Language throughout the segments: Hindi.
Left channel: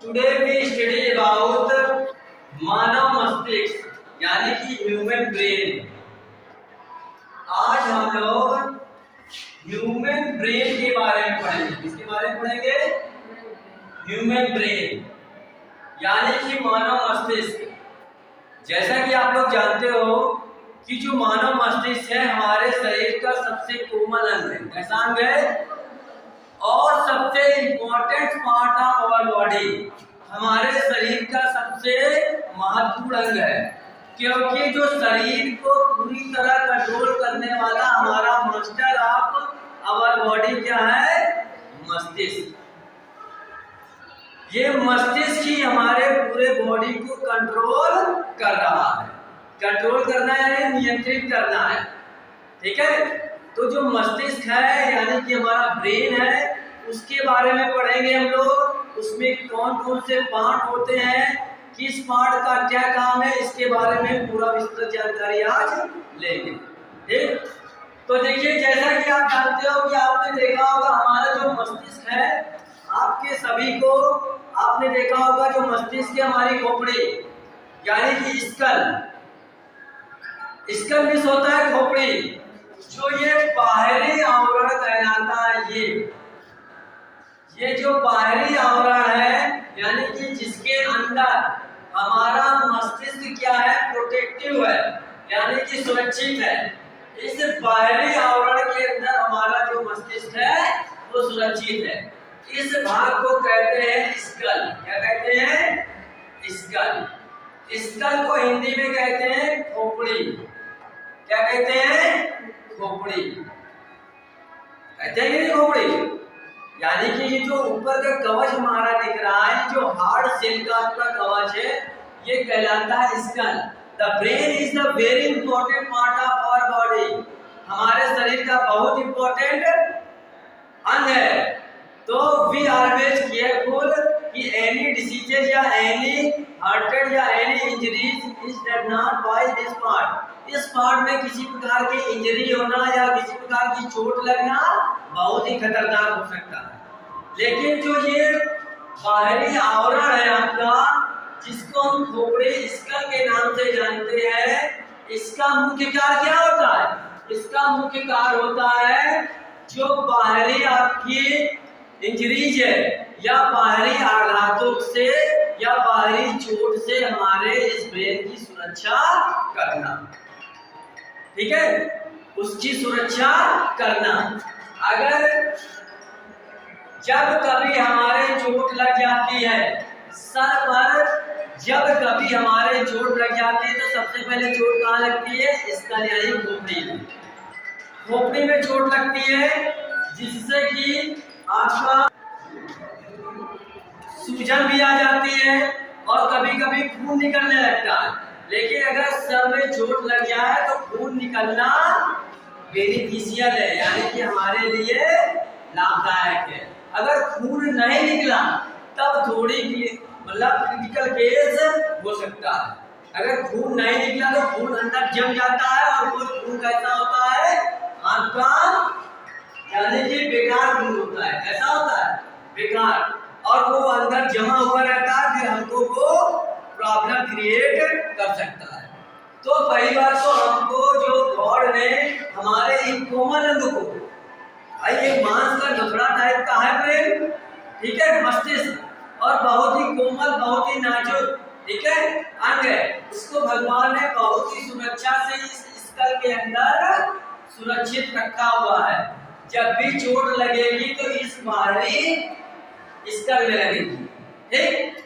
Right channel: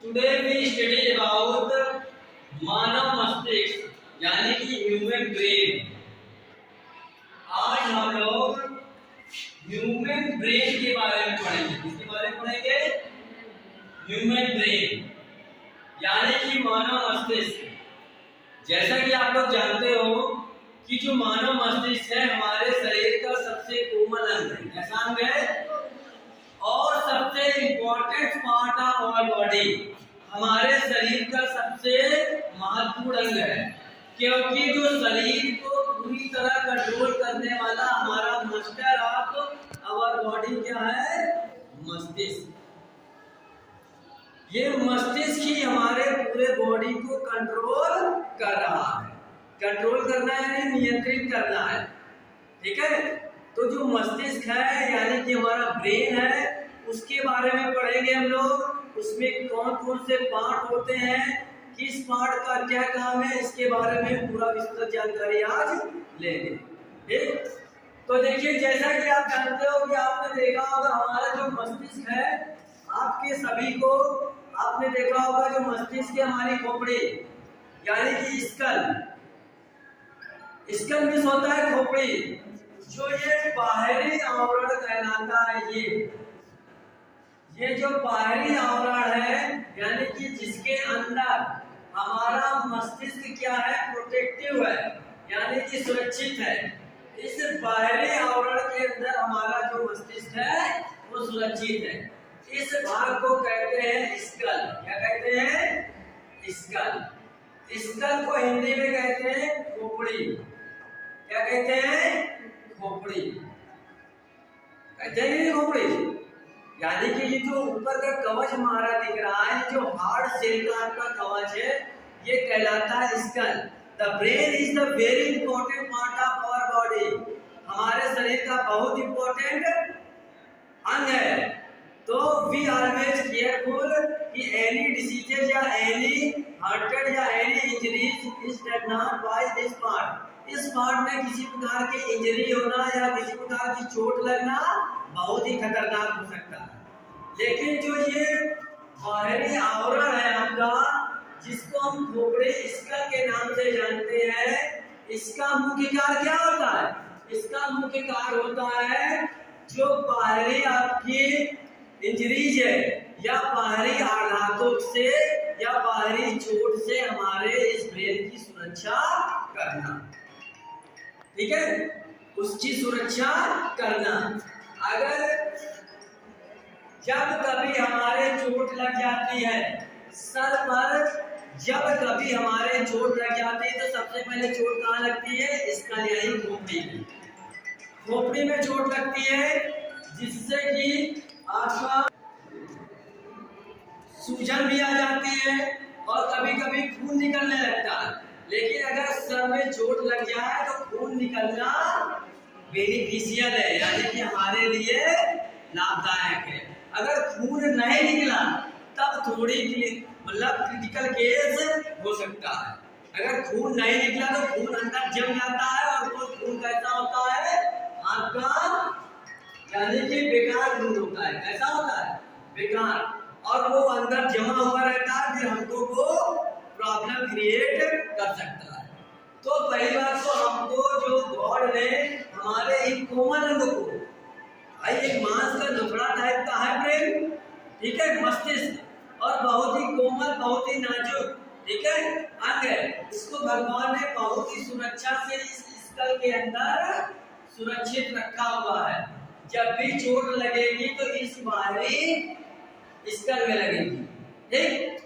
टुडे वी स्टडी अबाउट मानव मस्तिष्क यानी कि ह्यूमन ब्रेन। आज हम लोग ह्यूमन ब्रेन के बारे में पढ़ेंगे। किसके बारे में पढ़ेंगे? ह्यूमन ब्रेन यानी कि मानव मस्तिष्क। जैसा कि आप लोग जानते हो कि जो मानव मस्तिष्क है हमारे शरीर का सबसे कोमल अंग है। कैसा अंग है? और सबसे important part of our body, हमारे शरीर का सबसे महत्वपूर्ण अंग है, क्योंकि जो शरीर को पूरी तरह कंट्रोल करने वाला हमारा मास्टर ऑफ आवर बॉडी क्या है? मस्तिष्क। ये मस्तिष्क ही हमारे पूरे बॉडी को कंट्रोल कर रहा है। कंट्रोल करना है, नियंत्रित करना है। ठीक है, तो जो मस्तिष्क है यानी कि हमारा ब्रेन है, उसके बारे में पढ़ेंगे हम लोग। उसमें कौन कौन से पार्ट होते हैं, किस पार्ट का क्या काम है, इसके बारे में पूरा विस्तृत जानकारी आज लेंगे। ठीक, तो देखिए जैसा कि आप जानते हो कि आपने देखा होगा हमारा जो मस्तिष्क है, आपके सभी को आपने देखा होगा जो मस्तिष्क है हमारी खोपड़ी यानी कि स्कल मिस होता है खोपड़ी। जो ये बाहरी आवरण कहलाता है, ये जो बाहरी आवरण है यानी कि जिसके अंदर हमारा मस्तिष्क क्या है? प्रोटेक्टिव है यानी कि सुरक्षित है। इस बाहरी आवरण के अंदर हमारा जो मस्तिष्क है वो सुरक्षित है। इस भाग को कहते हैं स्कल। क्या कहते हैं? स्कल। स्कल को हिंदी में कहते हैं खोपड़ी। क्या कहते हैं? खोपड़ी। कहते हैं कि खोपड़ी यानी कि ये जो ऊपर का कवच हमारा दिख रहा है, जो हार्ड सेल का आपका कवच है, ये कहलाता है skull. The brain is the very important part of our body. हमारे शरीर का बहुत इंपॉर्टेंट अंग है। तो वी ऑलवेज केयरफुल कि एनी डिसीजेज या एनी हार्टेड या any injuries is does not by this part. इस पार्ट में किसी प्रकार की इंजरी होना या किसी प्रकार की चोट लगना बहुत ही खतरनाक हो सकता है। लेकिन जो ये बाहरी आवरण है आपका, जिसको हम खोपड़ी स्कल के नाम से जानते हैं, इसका मुख्य कार्य क्या होता है? इसका मुख्य कार्य होता है जो बाहरी आपकी इंजरीज है या बाहरी आघातों से या बाहरी चोट से हमारे इस ब्रेन की सुरक्षा करना। ठीक है, उसकी सुरक्षा करना। अगर जब कभी हमारे चोट लग जाती है सर पर, जब कभी हमारे चोट लग जाती है तो सबसे पहले चोट कहाँ लगती है? स्कल यानी खोपड़ी में। खोपड़ी में चोट लगती है जिससे कि आपका सूजन भी आ जाती है और कभी कभी खून निकलने लगता है। लेकिन अगर सर में चोट लग जाए तो खून निकलना बेनिफिशियल है यानी कि हमारे लिए लाभदायक है। अगर खून नहीं निकला तब थोड़ी मतलब क्रिटिकल केस हो सकता है। अगर खून नहीं निकला तो खून अंदर जम जाता है और वो खून कैसा होता है? आपका यानी कि बेकार खून होता है। कैसा होता है? बेकार। और वो अंदर जमा हुआ रहता है, फिर हमको वो प्रॉब्लम क्रिएट कर सकता है। तो पहली बात तो हमको जो गॉड ने हमारे एक कोमल अंग को, एक मांस का टुकड़ा टाइप का है ब्रेन, ठीक है, मस्तिष्क, और बहुत ही कोमल बहुत ही नाजुक, ठीक है, अंग है। उसको भगवान ने बहुत ही सुरक्षा से इस स्कल के अंदर सुरक्षित रखा हुआ है। जब भी चोट लगेगी तो इस बाहरी स्कल में लगेगी। ठीक,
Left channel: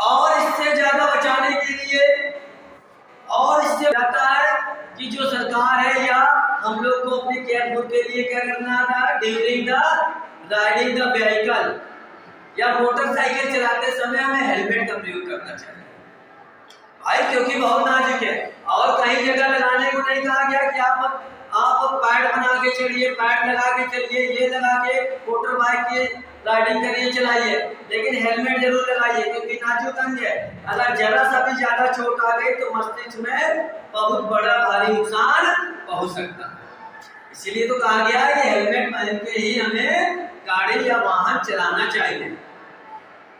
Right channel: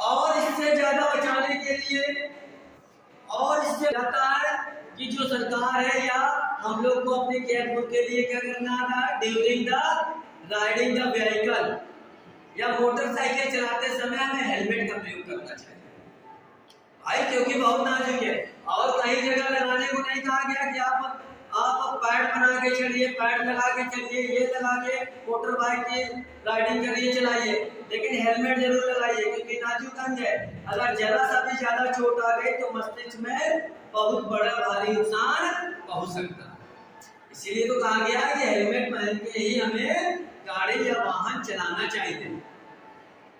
और इससे ज्यादा बचाने के लिए और इससे जाता है कि जो सरकार है या हम लोग को अपने केयरफुल के लिए क्या करना था? During the riding the vehicle या मोटरसाइकिल चलाते समय हमें हेलमेट का प्रयोग करना चाहिए भाई, क्योंकि बहुत नाजुक है। और कहीं जगह लगाने को नहीं कहा गया कि आप पैड बना के चलिए, पैड लगा के चलिए, ये लगा के मोटर बाइक की राइडिंग करिए, चलाइए, लेकिन हेलमेट जरूर लगाइए क्योंकि नाजुक अंग है। अगर जरा सा भी ज्यादा चोट आ गई तो मस्तिष्क में बहुत बड़ा भारी नुकसान पहुंच सकता है। इसीलिए तो कहा गया है कि हेलमेट पहन के ही हमें गाड़ी या वाहन चलाना चाहिए।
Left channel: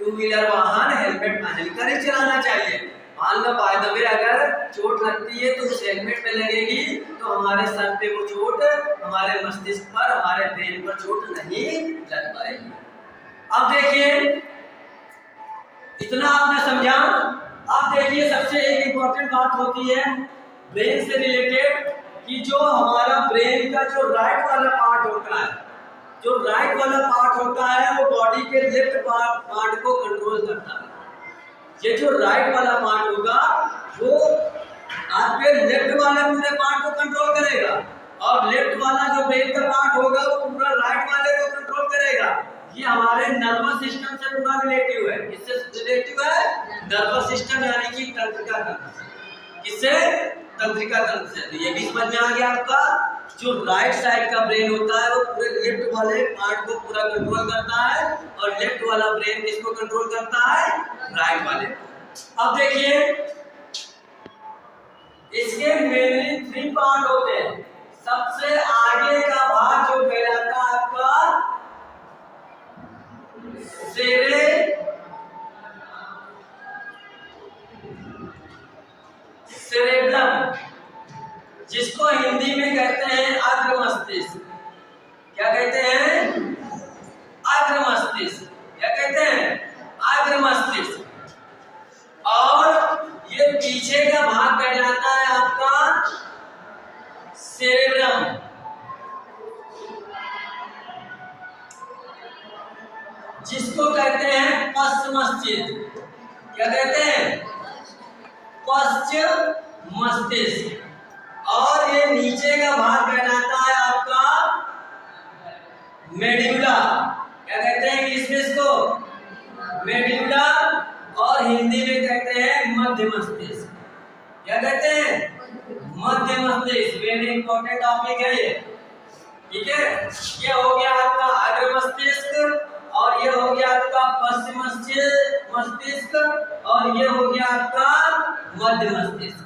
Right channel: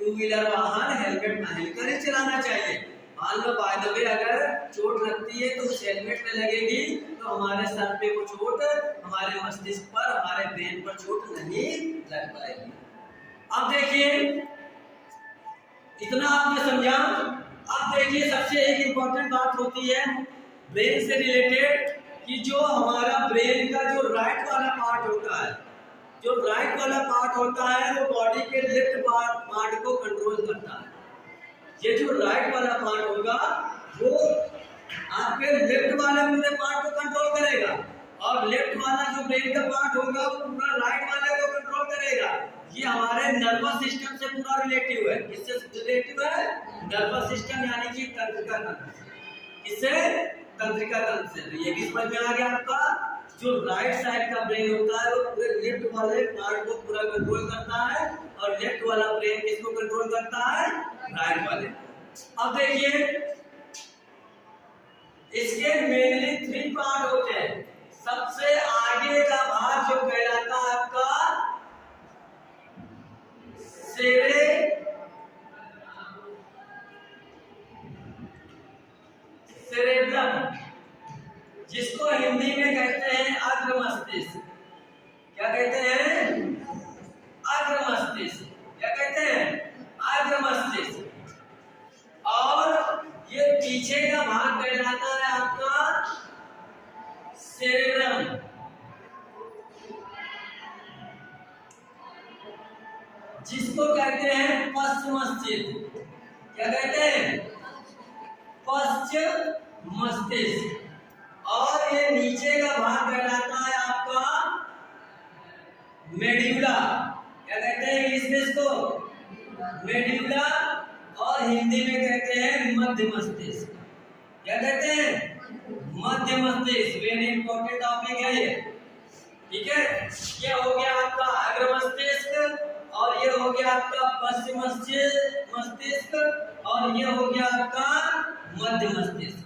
टू व्हीलर वाहन हेलमेट पहनकर ही चलाना चाहिए। मान लो बाय द वे अगर चोट लगती है तो उस हेलमेट पे लगेगी तो हमारे सर पे वो चोट हमारे मस्तिष्क पर, हमारे ब्रेन पर चोट नहीं लग पाएगी। अब देखिए, इतना आपने समझा। अब देखिए, सबसे एक इम्पॉर्टेंट बात होती है ब्रेन से रिलेटेड कि जो हमारा ब्रेन का जो राइट वाला पार्ट होता है, जो राइट वाला पार्ट होता है वो बॉडी के लेफ्ट पार्ट को कंट्रोल करता है। ये जो राइट वाला पार्ट होगा वो आपके लेफ्ट वाले पूरे पार्ट को कंट्रोल करेगा, और लेफ्ट वाला जो ब्रेन का पार्ट होगा वो पूरा राइट वाले को कंट्रोल करेगा। ये हमारे नर्वस सिस्टम से पूरा रिलेटिव है। किससे रिलेटिव है? नर्वस सिस्टम यानी कि तंत्रिका तंत्र से। किससे? तंत्रिका तंत्र से। तो ये भी समझ में आ गया आपका, जो राइट साइड का ब्रेन होता है वो पूरे लेफ्ट वाले पार्ट को पूरा कंट्रोल करता है, और लेफ्ट वाला ब्रेन किसको कंट्रोल करता है? राइट वाले। अब देखिए, इसके मेनली 3 पार्ट होते हैं। सबसे आगे का भाग जो कहलाता है आपका सेरेब्रम, जिसको हिंदी में कहते हैं अग्र मस्तिष्क। क्या कहते हैं? अग्र मस्तिष्क। क्या कहते हैं? अग्र मस्तिष्क। और ये पीछे का भाग कहलाता है आपका सेरेब्रम, जिसको कहते हैं पश्च मस्तिष्क। क्या कहते हैं? पश्च मस्तिष्क। और ये नीचे का भाग कहलाता है आपका मेडुला। क्या कहते हैं इंग्लिश में इसको? मेडुला। और हिंदी में कहते हैं मध्य मस्तिष्क। क्या कहते हैं? मध्य मस्तिष्क। वेरी इंपॉर्टेंट टॉपिक है ये, ठीक है। ये हो गया आपका अग्र मस्तिष्क, और ये हो गया आपका पश्चिम मस्तिष्क, और ये हो गया आपका मध्य मस्तिष्क,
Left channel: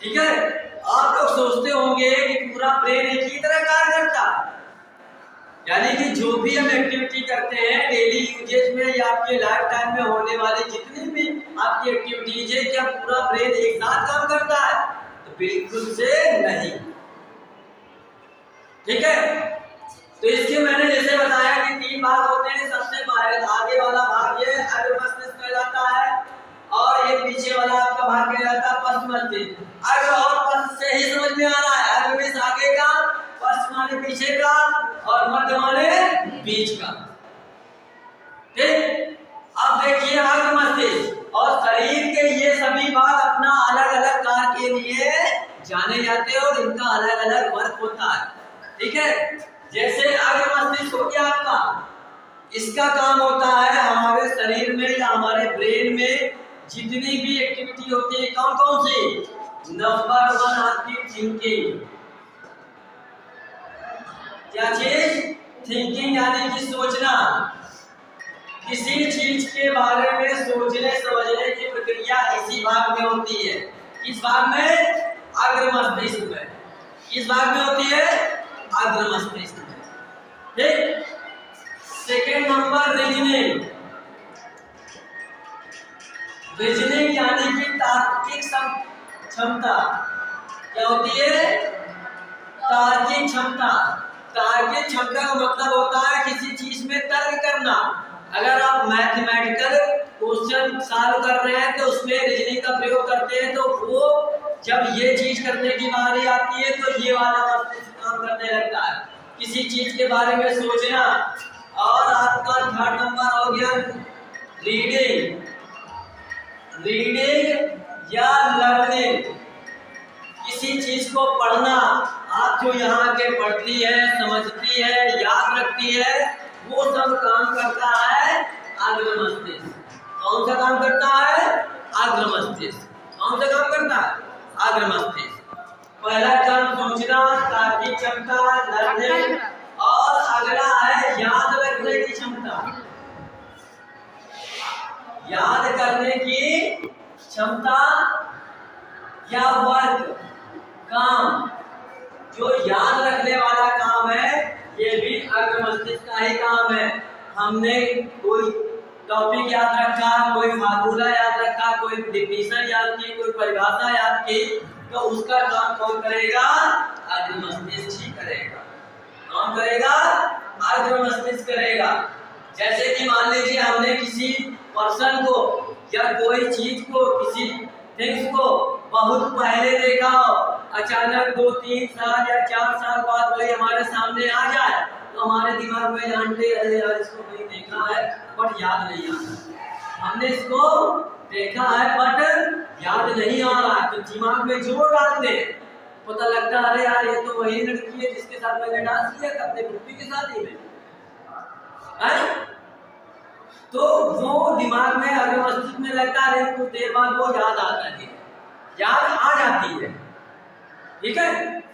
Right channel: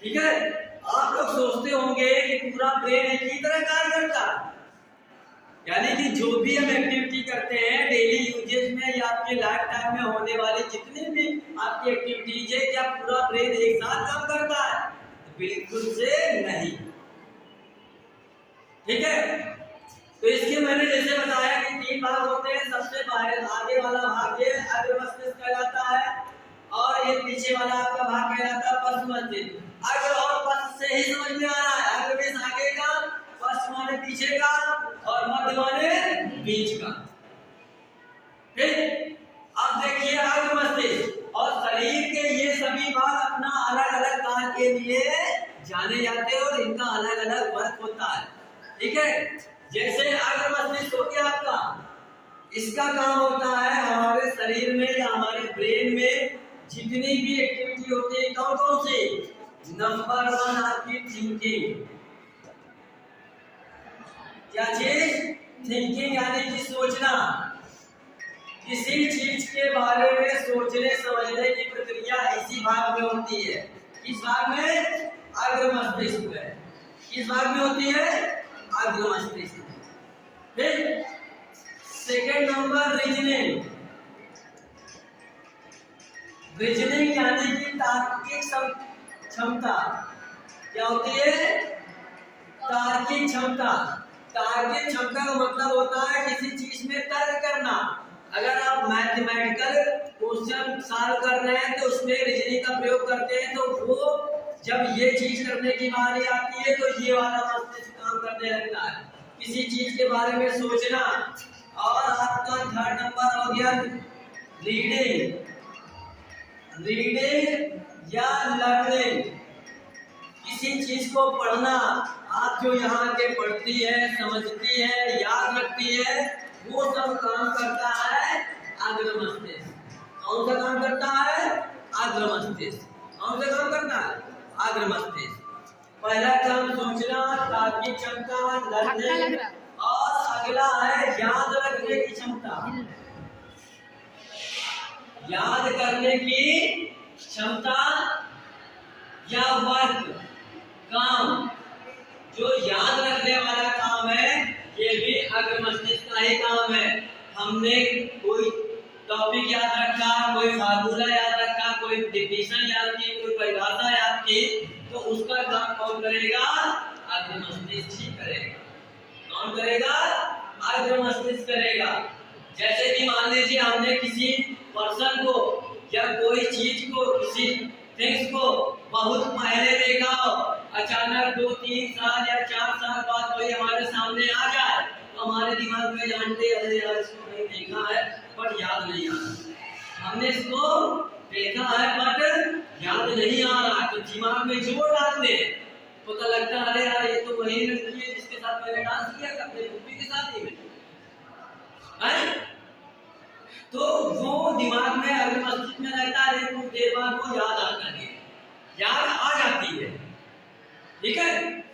ठीक है। आप लोग सोचते होंगे कि पूरा ब्रेन एक ही तरह कार्य करता है, यानी कि जो भी हम एक्टिविटी करते हैं डेली यूजेज में या आपके लाइफ टाइम में होने वाली जितनी भी आपकी एक्टिविटीज है, क्या पूरा ब्रेन एक साथ काम करता है? तो बिल्कुल से नहीं, ठीक है। तो इसके मैंने जैसे बताया कि 3 भाग होते हैं। सबसे आगे वाला भाग ये अग्र मस्तिष्क कहलाता है, और ये पीछे वाला आपका भाग कहलाता है पश्च मस्तिष्क। अग्र और पश्च से ही समझ में आ रहा है। अग्र में आगे का, पश्च माने पीछे का, और मध्य माने बीच का, ठीक। अब देखिए अग्र मस्तिष्क और शरीर के ये सभी भाग अपना अलग अलग कार्य के लिए जाने जाते हैं, और इनका अलग अलग वर्क होता है, ठीक है। जैसे अग्र मस्तिष्क हो गया आपका, इसका काम होता है हमारे शरीर में या हमारे ब्रेन में जितनी भी एक्टिविटी होती है, कौन कौन सी? नंबर 1 आपकी थिंकिंग। क्या चीज? थिंकिंग, यानी कि सोचना। किसी चीज के बारे में सोचने समझने की प्रक्रिया इसी भाग में होती है। किस भाग में? अग्र मस्तिष्क में। किस भाग में होती है? अग्र मस्तिष्क में, ठीक। Second number reasoning. रीजनिंग यानी कि तार्किक क्षमता। क्या होती है? तार्किक क्षमता। तार्किक क्षमता का मतलब होता है किसी चीज में तर्क करना। अगर आप मैथमेटिकल क्वेश्चन सॉल्व कर रहे हैं तो उसमें रीजनिंग का प्रयोग करते हैं, तो वो जब ये चीज करने की बारी आती है तो ये वाला मस्तिष्क काम करने लगता है, किसी चीज के बारे में सोचना। और आपका 3rd नंबर हो गया रीडिंग। रीडिंग या लर्निंग, किसी चीज को पढ़ना। आप जो यहाँ के पढ़ती है, समझती है, याद रखती है, वो सब काम करता है अग्र मस्तिष्क। कौन सा काम करता है? अग्र मस्तिष्क। कौन सा काम करता है? अग्र मस्तिष्क। पहला काम सोचना, तार्किक क्षमता, लर्निंग, और अगला है याद रखने की क्षमता। याद करने की क्षमता या वर्क, काम, जो याद रखने वाला काम है ये भी अग्र मस्तिष्क का ही काम है। हमने कोई टॉपिक याद रखा, कोई फार्मूला याद रखा, कोई डिफिनेशन याद की, कोई परिभाषा याद की, तो उसका काम कौन करेगा? अग्र मस्तिष्क ही करेगा। कौन करेगा? अग्र मस्तिष्क करेगा। जैसे कि मान लीजिए हमने किसी पर्सन को या कोई चीज को, किसी थिंग्स को बहुत पहले देखा हो, अचानक 2-3 साल या 4 साल बाद वही हमारे सामने आ जाए, तो हमारे दिमाग में जानते रहे यार इसको कहीं देखा है बट याद नहीं आ रहा। हमने इसको देखा है बट याद नहीं आ रहा, तो दिमाग में जोर डालते पता लगता है अरे यार ये तो वही लड़की है जिसके साथ मैंने डांस किया था अपने पुप्पी के शादी में। तो वो दिमाग में अगर मस्तिष्क में रहता है, कुछ देर बाद वो याद आता है, याद आ जाती है। ठीक है,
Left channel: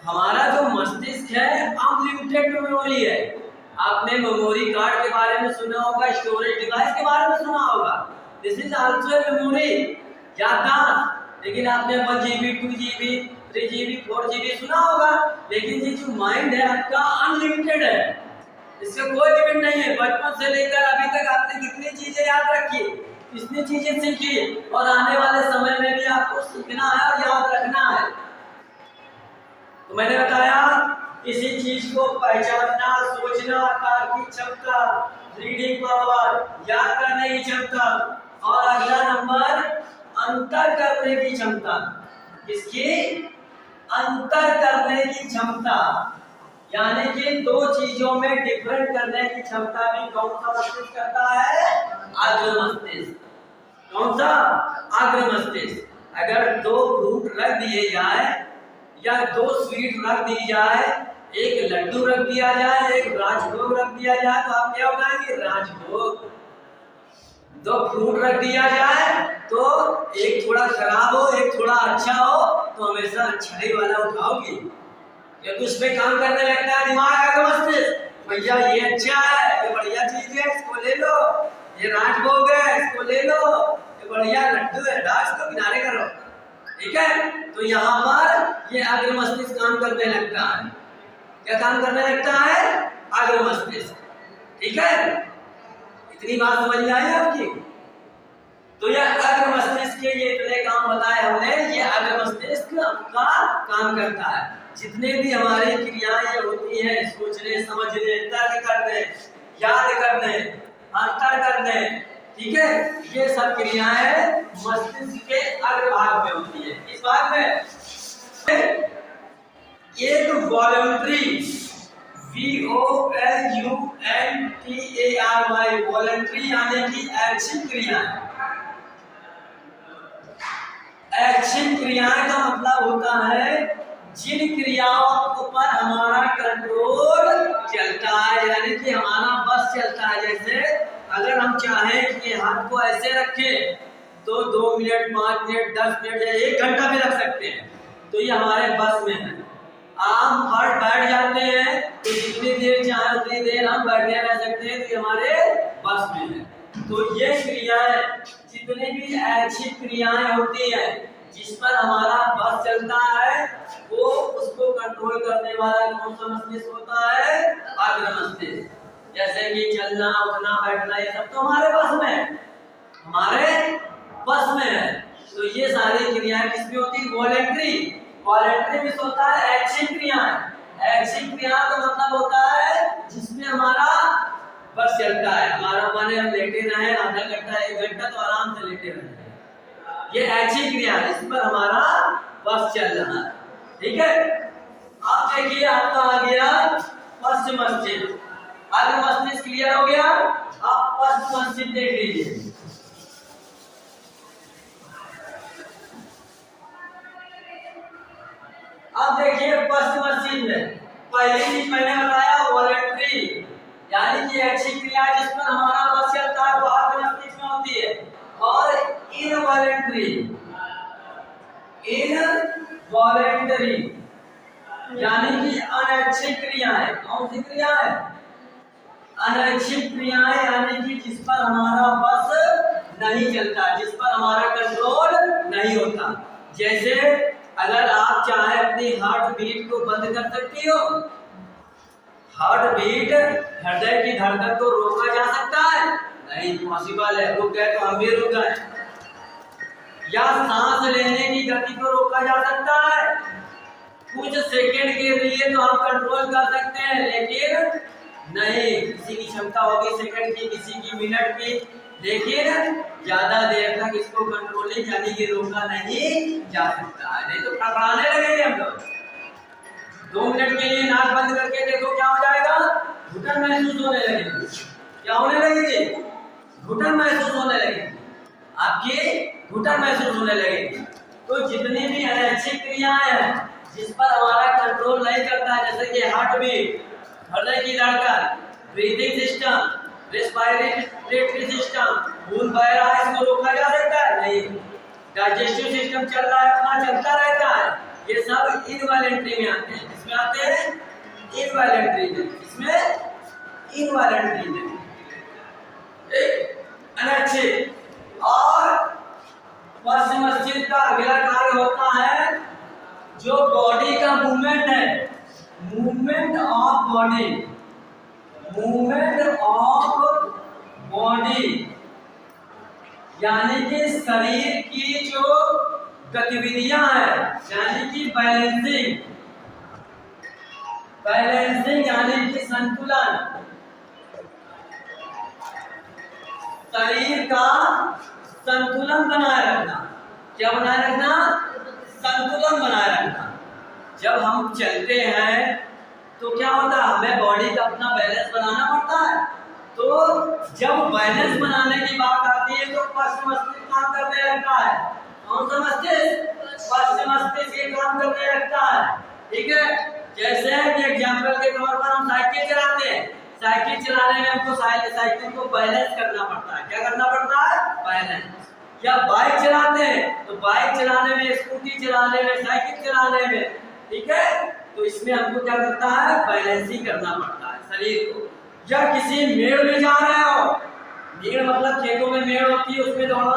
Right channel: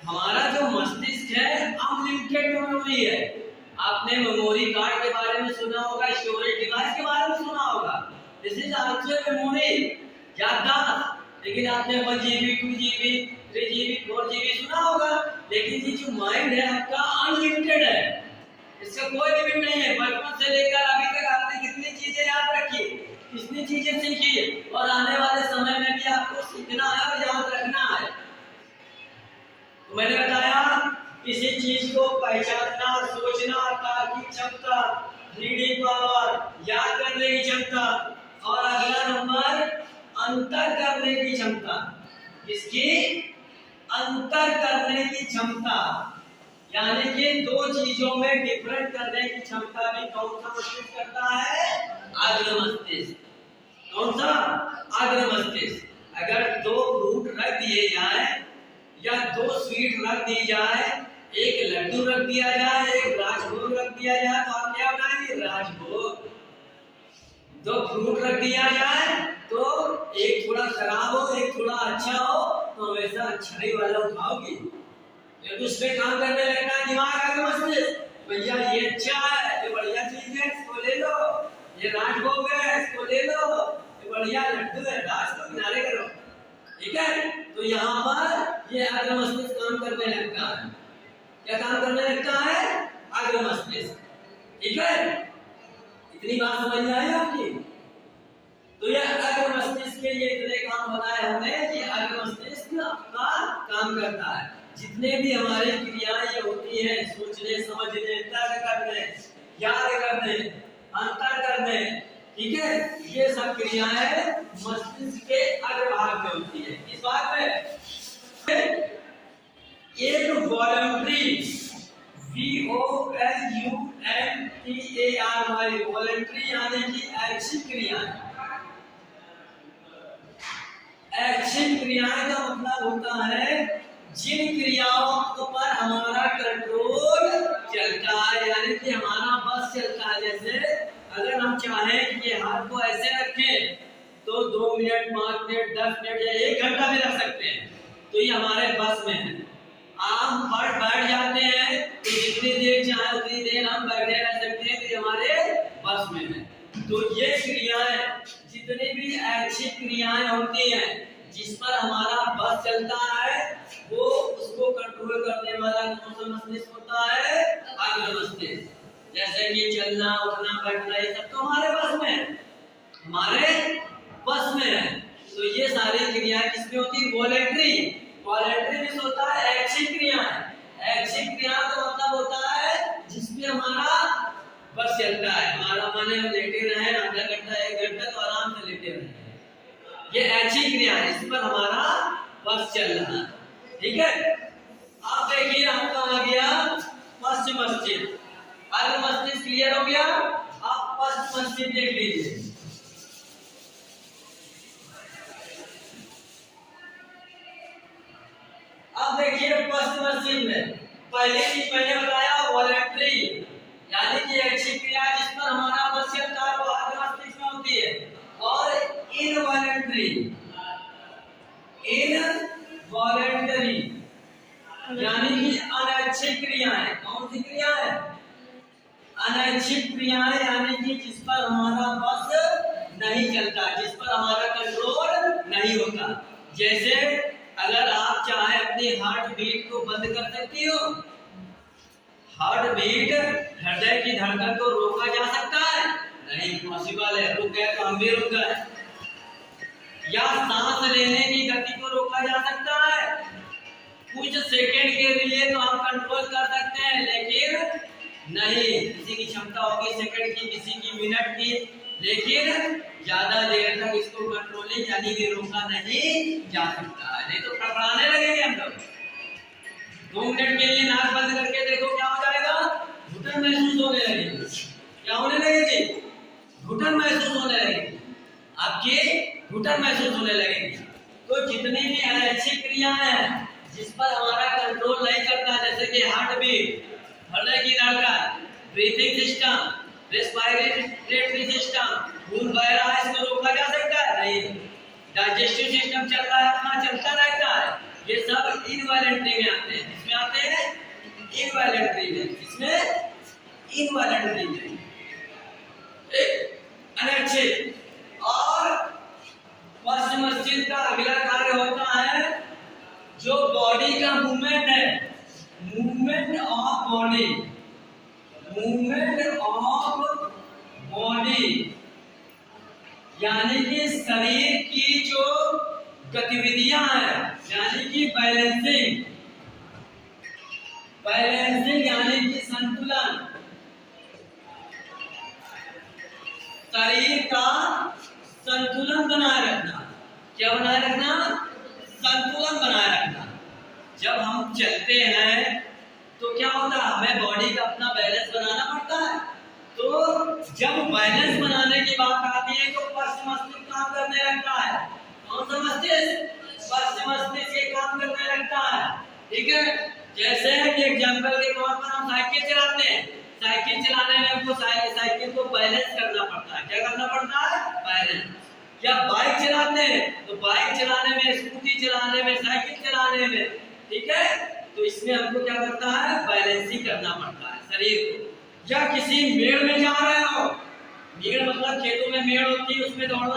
हमारा जो मस्तिष्क है अनलिमिटेड मेमोरी है। आपने मेमोरी कार्ड के बारे में सुना होगा, स्टोरेज डिवाइस के बारे में सुना होगा। दिस इज आल्सो मेमोरी, याददाश्त। लेकिन आपने 1 GB 2 GB 3 GB 4 GB सुना होगा, लेकिन ये जो माइंड है आपका अनलिमिटेड है, इसका कोई लिमिट नहीं है। बचपन से लेकर अभी तक आपने कितनी चीजें याद रखी, कितनी चीजें सीखी, और आने वाले समय में भी आपको सीखना है और याद रखना है। तो मैंने बताया किसी चीज को पहचानना, सोचना, तार्किक क्षमता, रीडिंग पावर, याद करने की क्षमता, और अगला नंबर अंतर करने की क्षमता। इसकी अंतर करने की क्षमता, यानी कि दो चीजों में डिफरेंट करने की क्षमता भी कौन सा मस्तिष्क करता है? अग्र मस्तिष्क। कौन सा? अग्र मस्तिष्क। अगर 2 फ्रूट रख दिए जाए या 2 स्वीट रख दी जाए, एक लड्डू रख दिया जाए, एक राजभोग रख दिया जाए, तो आप क्या उठाएंगे? राजभोग। 2 फ्रूट रख दिया जाए तो एक थोड़ा खराब हो, एक थोड़ा अच्छा हो, तो हमेशा अच्छाई वाला उठाओगे, क्योंकि उसमें काम करने लगता है दिमाग, अग्र मस्तिष्क। भैया ये अच्छा है, ये बढ़िया चीज है, इसको ले लो। ये राजभोग है, इसको ले लो। ये बढ़िया लड्डू है, इसको किनारे करो। ठीक है, तो यहाँ पर ये अग्र मस्तिष्क काम करने लगता है। क्या काम करने लगता है? अग्र मस्तिष्क। ठीक है, इतनी बात समझ में आई आपकी? तो यह अग्र मस्तिष्क के ये इतने काम बताए हमने, ये अग्र मस्तिष्क का काम करता है। जितने भी हमारी क्रियाएं होती हैं, सोचने, समझने, तर्क करने, याद करने, अंतर करने, ठीक है, ये सब क्रियाएं मस्तिष्क के अग्रभाग में होती है। इस भाग में एक वॉलंटरी, VOLUNTARY, वॉलंटरी यानी कि ऐच्छिक क्रियाएं। ऐच्छिक क्रियाएं का मतलब होता है जिन क्रियाओं पर हमारा कंट्रोल चलता है, यानी कि हमारा बस चलता है। जैसे अगर हम चाहें कि हाथ को ऐसे रखें तो 2 मिनट, 5 मिनट, 10 मिनट या 1 घंटा भी रख सकते हैं, तो ये हमारे बस में है। हम फट बैठ जाते हैं तो जितनी देर चाहे उतनी देर हम बैठे रह सकते हैं, तो ये हमारे बस में है। तो ये क्रियाएं, जितनी भी ऐच्छिक क्रियाएं होती हैं जिस पर हमारा बस चलता है, वो उसको कंट्रोल करने वाला कौन सा मस्तिष्क होता है? अग्र मस्तिष्क। जैसे कि चलना, उठना, बैठना, ये सब तो हमारे बस में है, हमारे बस में है। तो ये सारी क्रियाएं किसमें होती है? वॉलंटरी। वॉलंटरी भी होता है ऐच्छिक क्रियाएं। ऐच्छिक क्रिया का मतलब होता है जिसमें हमारा बस चलता है। हमारा माने हम लेटे रहे आधा घंटा, 1 घंटा, तो आराम से लेटे रहे, ये ऐच्छिक क्रिया है, इस पर हमारा बस चल रहा है। ठीक है, अब देखिए आपका आ गया पश्च मस्तिष्क। अग्र मस्तिष्क क्लियर हो गया, अब पश्च मस्तिष्क देख लीजिए। अब देखिए पश्च मस्तिष्क में पहली चीज मैंने बताया वॉलंटरी, यानी कि ऐच्छिक क्रिया जिस पर हमारा बस चलता है वो अग्र मस्तिष्क में होती है। और इनवॉलंटरी, इनवॉलंटरी यानी कि अनैच्छिक क्रियाएं। कौन सी क्रियाएं? अनैच्छिक क्रियाएं, यानी कि जिस पर हमारा बस नहीं चलता, जिस पर हमारा कंट्रोल नहीं होता। जैसे अगर आप चाहे अपनी हार्ट बीट को बंद कर सकती हो, हार्ट बीट, हृदय की धड़कन को रोका जा सकता है? नहीं नहीं पॉसिबल है। रुक गए तो हम भी रुक गए। या सांस लेने की गति को रोका जा सकता है, कुछ सेकंड के लिए तो हम कंट्रोल कर सकते हैं, लेकिन नहीं, किसी की क्षमता होगी सेकंड की, किसी की मिनट की, लेकिन ज्यादा देर तक इसको कंट्रोलिंग यानी कि रोका नहीं जा सकता है। नहीं तो फड़फड़ाने लगेंगे हम लोग। 2 मिनट के लिए नाक बंद करके देखो क्या हो जाएगा, घुटन महसूस होने लगेगी। क्या होने लगेगी, घुटन महसूस होने लगेगी, आपकी घुटन महसूस होने लगेगी। तो जितनी भी अनैच्छिक क्रियाएं हैं जिस पर हमारा कंट्रोल नहीं करता, जैसे कि हार्ट बीट, हृदय की धड़कन, ब्रीथिंग सिस्टम, रेस्पिरेटरी सिस्टम, खून बह रहा है, इसको रोका जा सकता है नहीं। डाइजेस्टिव सिस्टम चल रहा है, अपना चलता रहता है, ये सब इनवॉलंटरी में आते हैं। इसमें आते हैं इनवॉलंटरी में, इसमें इनवॉलंटरी में अनैच्छिक। और पश्चिम मस्तिष्क का अगला कार्य होता है जो बॉडी का मूवमेंट है, movement of body, movement of body यानी कि शरीर की जो गतिविधियां हैं, यानी कि बैलेंसिंग, बैलेंसिंग यानी कि संतुलन, शरीर का संतुलन बनाए रखना। क्या बनाए रखना, संतुलन बनाए रखना। जब हम चलते हैं तो क्या होता है, हमें बॉडी का अपना बैलेंस बनाना पड़ता है। तो जब बैलेंस बनाने की बात आती है तो पश्चिम मस्तिष्क काम करने लगता है। कौन सा मस्तिष्क, पश्चिम मस्तिष्क ये काम करने लगता है। ठीक है, जैसे कि एग्जाम्पल के तौर पर हम साइकिल चलाते हैं, साइकिल चलाने में हमको साइकिल को बैलेंस करना पड़ता है। क्या करना पड़ता है, बैलेंस। या बाइक चलाते हैं तो बाइक चलाने में, स्कूटी चलाने में, साइकिल चलाने में, ठीक है, तो इसमें हमको क्या करता है, बैलेंसिंग करना पड़ता है शरीर को। या किसी मेड़ में जा रहे हो, मेड़ मतलब खेतों में मेड़ होती है, उसमें दौड़ना